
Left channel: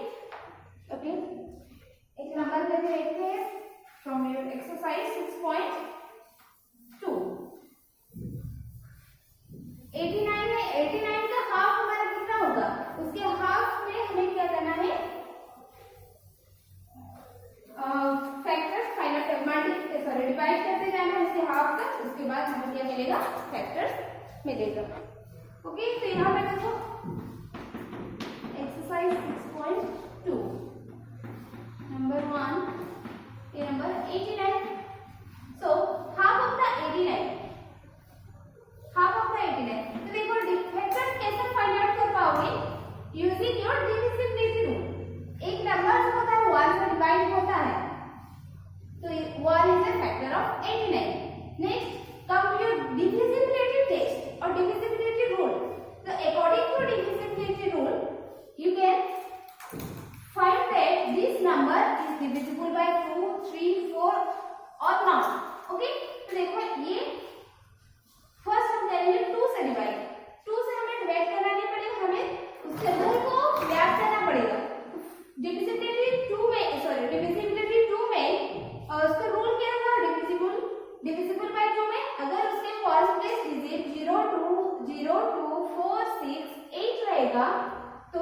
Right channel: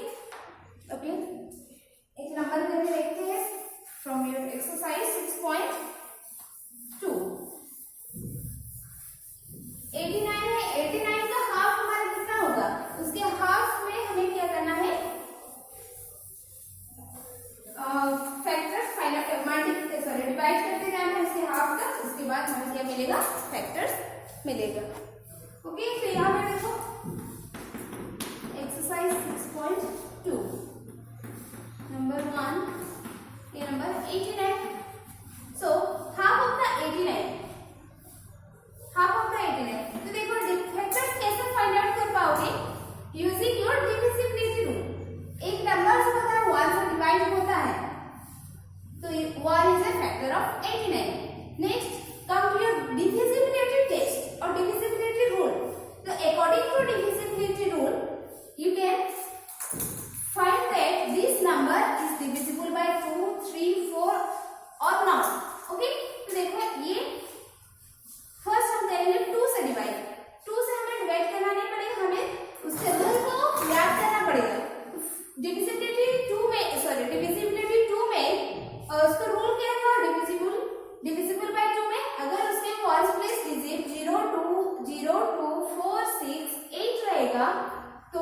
ओके, एक नंबर करके देखते हैं फ्रॉम योर एक्सरसाइज 6.2। 89 है, 89 का हाफ हमारा कितना होगा, उसके हाफ में हमें क्या करना है, फैक्टर्स डिवाइड करते जाना है उसके हाफ तक। उसके बाद हमें क्या मिलेगा, फैक्टर्स मिलेगा। ओके, तो यहाँ पे देखो एक्सरसाइज 6.2 नंबर 1, ये number 89। So half of the 89, तो देखो फैक्टर्स कैसे फाइंड आउट कर पाओगे, यूजिंग योर डिविजिबिलिटी रूल। एक नंबर जो होता है 1 से डिवाइड होता है, तो 1 is a factor of 89। Next come to your divisibility test और डिविजिबिलिटी रूल। तो according to divisibility rule you can find that this number is divisible by 2 3 4 or not. Okay, तो देखो ये फर्स्ट हम करेंगे 2 से डिवाइड। 2 से हमें डिवाइड करना नहीं पड़ेगा, हमें उसके रूल को याद करना पड़ेगा। डिविजिबिलिटी 2 में उसका रूल क्या था, डिविजिबल बाय 2 में अगर उसके फर्स्ट प्लेस डिजिट 0 2 4 6 8 रहेगा तो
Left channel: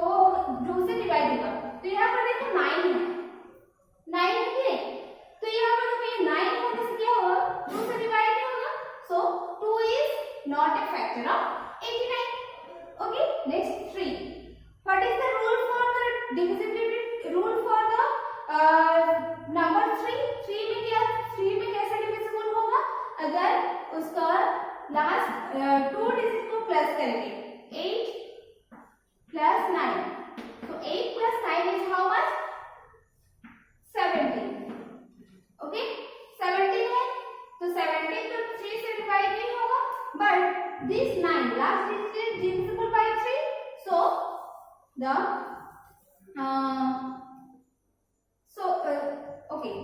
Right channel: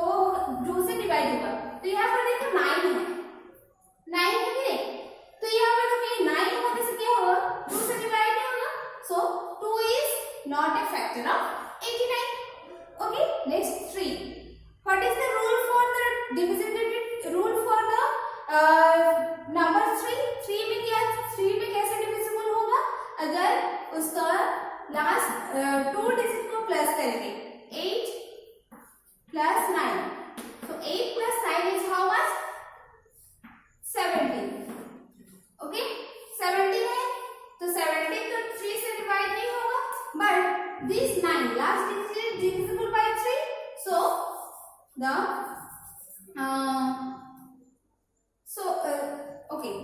2 से डिवाइड होगा। तो यहाँ पर देखो 9 है, 9 है कि नहीं, तो यहाँ पर देखो ये 9 होने से क्या होगा, 2 से डिवाइड नहीं होगा। सो 2 is not a factor of 89। Okay, next 3। What is the rule for the divisibility rule for the number 3? 3 में क्या, 3 में कैसे डिविजिबल होगा, अगर उसका लास्ट 2 डिजिट को प्लस करेंगे, 8 plus 9. So 8 plus 9 is how much? 17. Okay? 17 है, तो 17 तो 3 से डिवाइड नहीं होगा, but this 9 last digit is divisible by 3. So the okay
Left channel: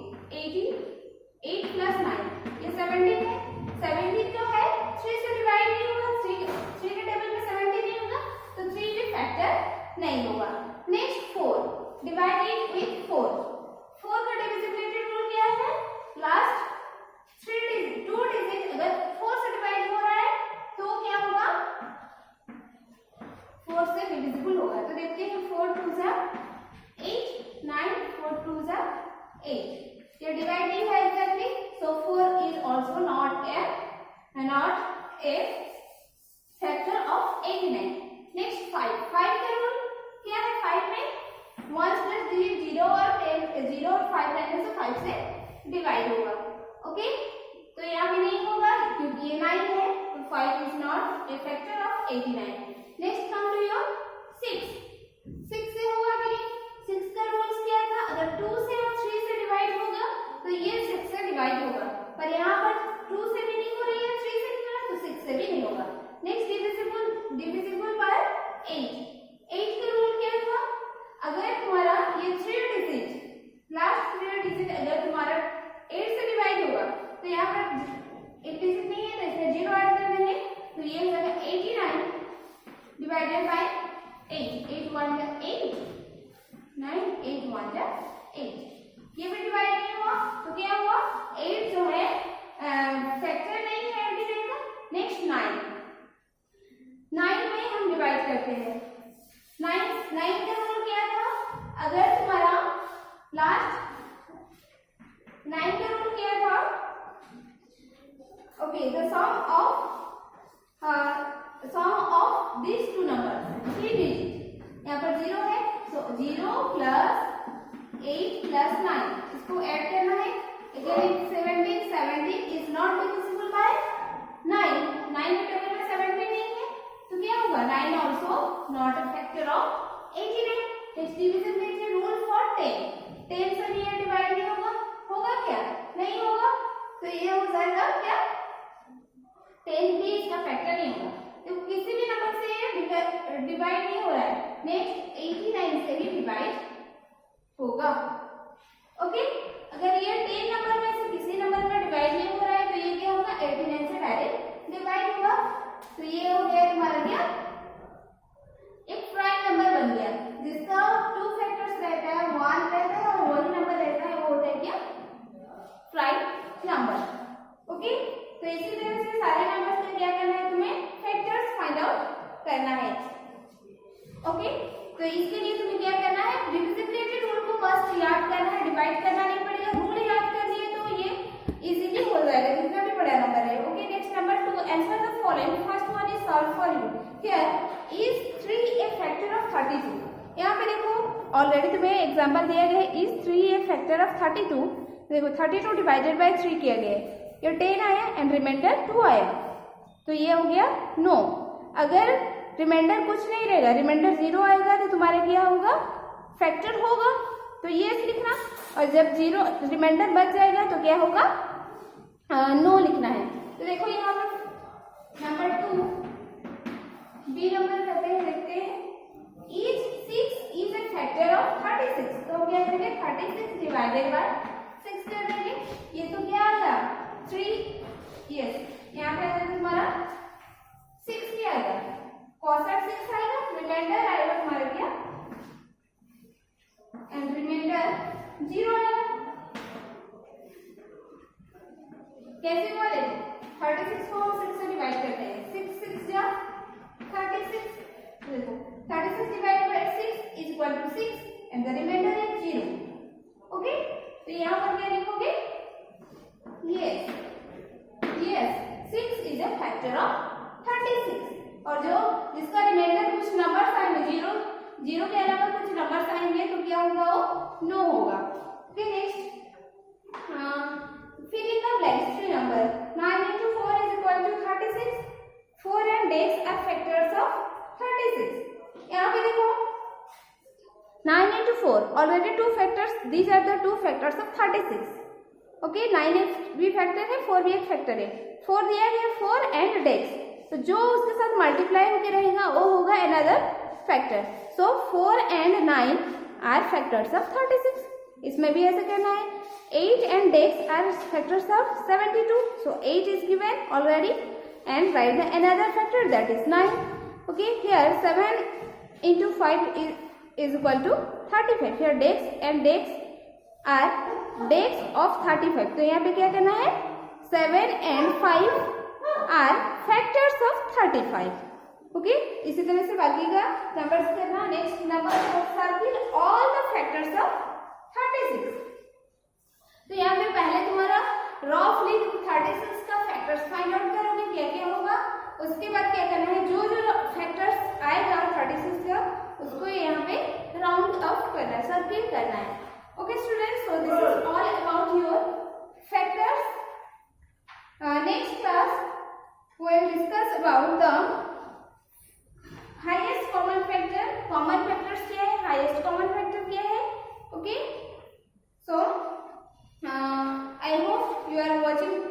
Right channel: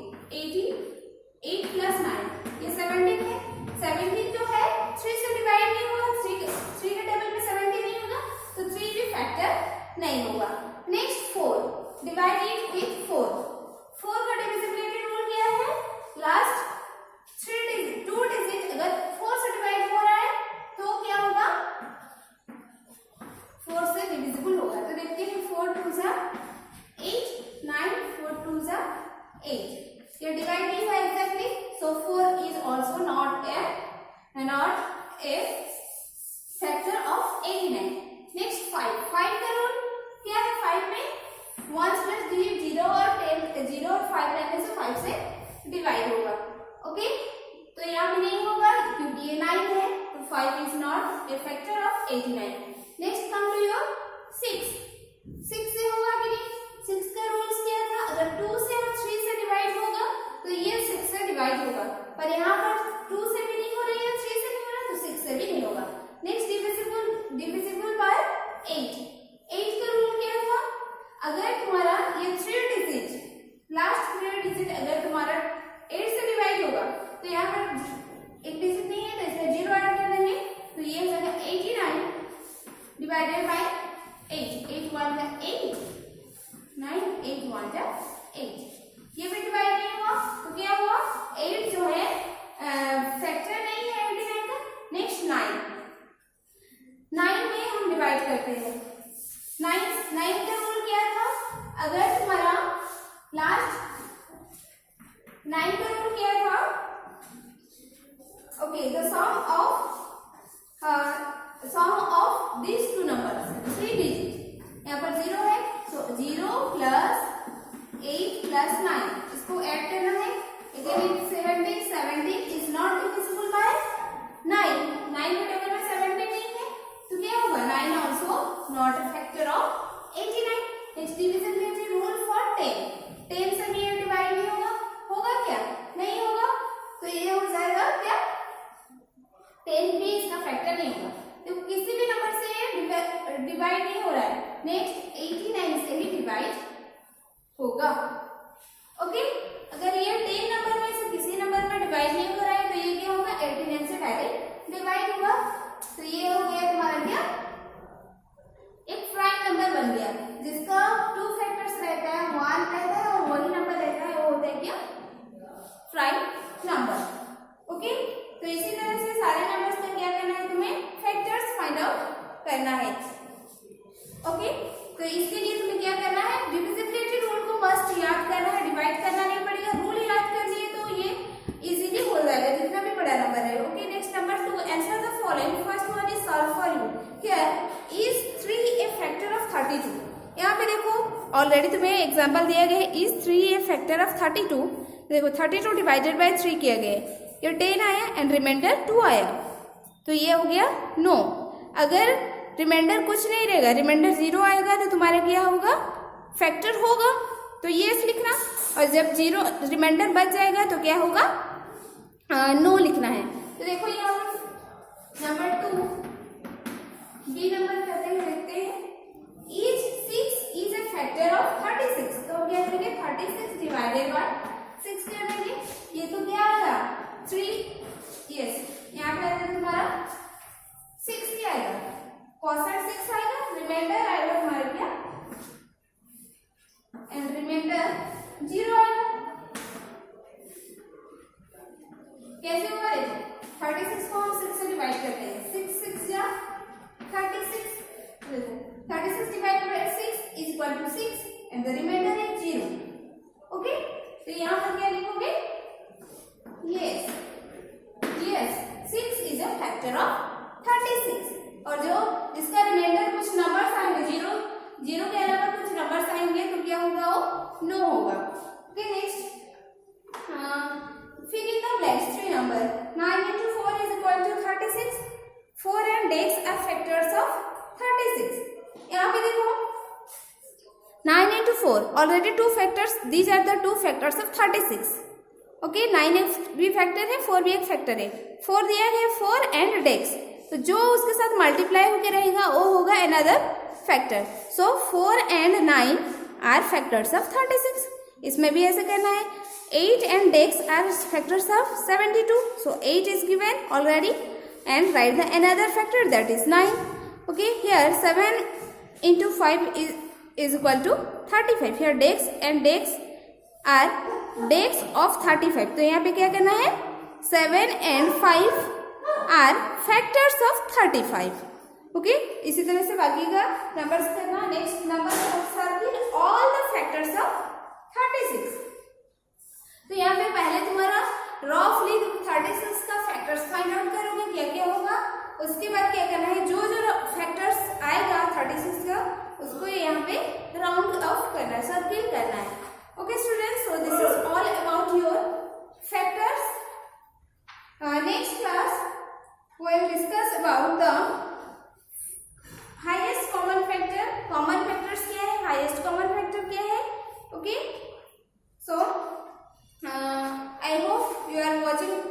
8 plus 9 ये 17 है। 17 जो है 3 से डिवाइड नहीं होगा, 3 के टेबल में 17 नहीं होगा, तो 3 भी फैक्टर नहीं होगा। Next 4, divide it with 4। 4 का डिविजिबिलिटी रूल क्या है, लास्ट 2 डिजिट अगर 4 से डिवाइड हो रहा है तो क्या होगा, 4 से डिविजिबल होगा। तो देखिए 4 2 जा 8, 9 4 2 जा 8, ये डिवाइड नहीं हुआ exactly, so 4 is also not a factor of 89। Next 5 का रूल क्या है, 5 में 1 प्लस डिजिट 0 और 5 रहने से 5 से डिवाइड होगा। ओके, तो यहाँ पे नहीं होगा ये 9 है तो 5 is not a factor of 89. Next come to your 6. 6 से होगा कि नहीं? 6 का रूल्स क्या था? अगर 2 से और 3 से डिवाइड होगा तो ये 6 से डिवाइड होगा, पर यहाँ पर 2 से भी नहीं हो रही है, 3 से नहीं हो रहा, तो 6 से भी नहीं होगा. Next divisible by 8. 8 का रूल क्या था? अगर तुम्हारा ये 3 डिजिट, लास्ट 3 डिजिट अगर तुम्हारा 8 से डिवाइड होगा तो यहाँ पर एक डिजिट नहीं है तो इसमें 0 ऐड कर देंगे, तो ये हो जाएगा 89 डिवाइडेड बाय 8. 8 1 का 8, 9, 8 1 का 8. ये भी डिवाइड नहीं हुआ तो क्या हुआ? 8 जो है फैक्टर नहीं है 89 का. नेक्स्ट 9 में हम डिवाइड करते हैं. 9 का रूल क्या था? अगर तुम्हारा लास्ट 9 का रूल क्या था? Okay, the sum of these two numbers, 3 digit. यहाँ पर 0 है तो 0 प्लस 8 प्लस 9 इसको ऐड करना है. Again 70 is not divisible by 9. 9 के टेबल में 70 नहीं है तो क्या होगा? 9 also not a factor of 89. Next divisibility rule for 10. 10 से भी ये डिवाइड नहीं होगा. होगा क्या? नहीं होगा. तो ये हो जाएगा क्या? 10 भी इसका फैक्टर नहीं होगा. तो किसी भी नंबर से डिवाइड नहीं हो रहा है. नेक्स्ट 89 से ही डिवाइड होगा. ओके, अगर ये 10 नंबर में से किसी नंबर में डिवाइड नहीं हो रहा है तो ये क्या होगा? 89 से डायरेक्ट डिवाइड होगा. तो ये हो गया तुम्हारा क्या? एक प्राइम नंबर बन गया जिसका 2 फैक्टर्स रहता है, 1 रहता है और वही नंबर रहता है, वो होता है क्या? Prime number. ओके, तो इसी तरह से सारे नंबर्स का क्या करना है? तुम्हें फैक्टर्स फाइंड आउट करना है. ओके, तो इसके लिए तुम्हें क्या करना है? डिविजिबिलिटी रूल को मस्ट याद करना है. डिवाइड करना नहीं पड़ेगा, रूल याद कर लिए तो ये इजीली हो जाएगा जितना भी बड़ा नंबर है. Okay, next number 2. Answer the following. First one is solve for you. Here is 3 A factor of 32. यहाँ पे देखो ऑलरेडी तुम्हें एग्जांपल दिया गया है. Is 3 A factor of 32. देखो 32 डिवाइडेड बाय 3 किया गया है. ये 10 आया एंड रिमाइंडर 2 आया तो ये हो गया नो. अगर रिमाइंडर कुछ नहीं रहेगा, रिमाइंडर 0 आएगा तो तुम्हारा क्या होगा? फैक्टर होगा. तो ये लिखना. और जब 0 रिमाइंडर बच जाएगा तो क्या होगा? नो लिखना है. तो देखो ये नंबर 2 बी नंबर करते हैं, देखते हैं. Each 6 is a factor of 36. तो हम क्या करेंगे? 36 डिवाइडेड बाय 6 कर देंगे. ये तो क्या आ गया? 3. यस, यहाँ पे आएगा तुम्हारा 6 क्या आएगा? cosine 6 आएगा. रिमाइंडर आएगा तुम्हारा क्या? एंड रिमाइंडर 0 आएगा. कैसे हुआ? 36 को हम 6 से डिवाइड करते हैं. 6 6 जा 36. देखो 36 divided by 6 is equal to 6 and the remainder is 0. Okay, तो यहाँ पर क्या लिखोगे? Yes, 6 is a factor of 36. और जो जिसका रिमाइंडर कुछ नंबर्स आएंगे, 0 के अलावा कुछ नंबर्स आएंगे तो क्या होगा? वो नो होगा. Okay, next fill in the blanks. 3 number 9 into 4 is equal to 36. 4 and x are factors of 36. यहाँ पे देखो 9 into 4 already 2 factors. These are the 2 factors of 36. Okay, 9 एक भी फैक्टर है, 4 भी एक फैक्टर है. 4 दिया है 4 and x, तो जो उसके साथ मल्टीप्लाई होकर रहेगा वो होगा another factor. So 4 and 9 are factors of 36. इसमें भी ऐसा करना है. 8 and x are factors of 72. So 8 is given already and write the another factor, that is 9. Okay, here 7 into 5 is equal to 35. Here dex and dex are dex of 35. तो यहाँ पे क्या करना है? 7 and 5 are factors of 35. Okay, इसी तरह से बाकी का नंबर्स करना. Next number circle all the factors of 36. तो यहाँ पे पहले तुम्हारा रफली 36 का फैक्टर्स फाइंड आउट करोगे क्या क्या होगा. उसके बाद क्या करना है? जो फैक्टर्स आएगा 36 का उसको यहाँ पे राउंड ऑफ करना है, सर्किल करना है. Okay students, so this is all about your factors. Next class Okay. So I hope you are watching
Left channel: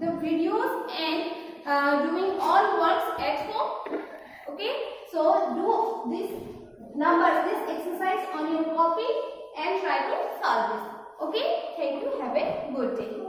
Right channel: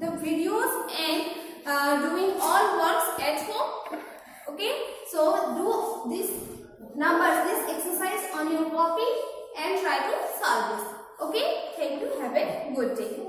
the videos and doing all works at home. Okay. So do this exercise on your copy and try to solve this. Okay. Thank you. Have a good day.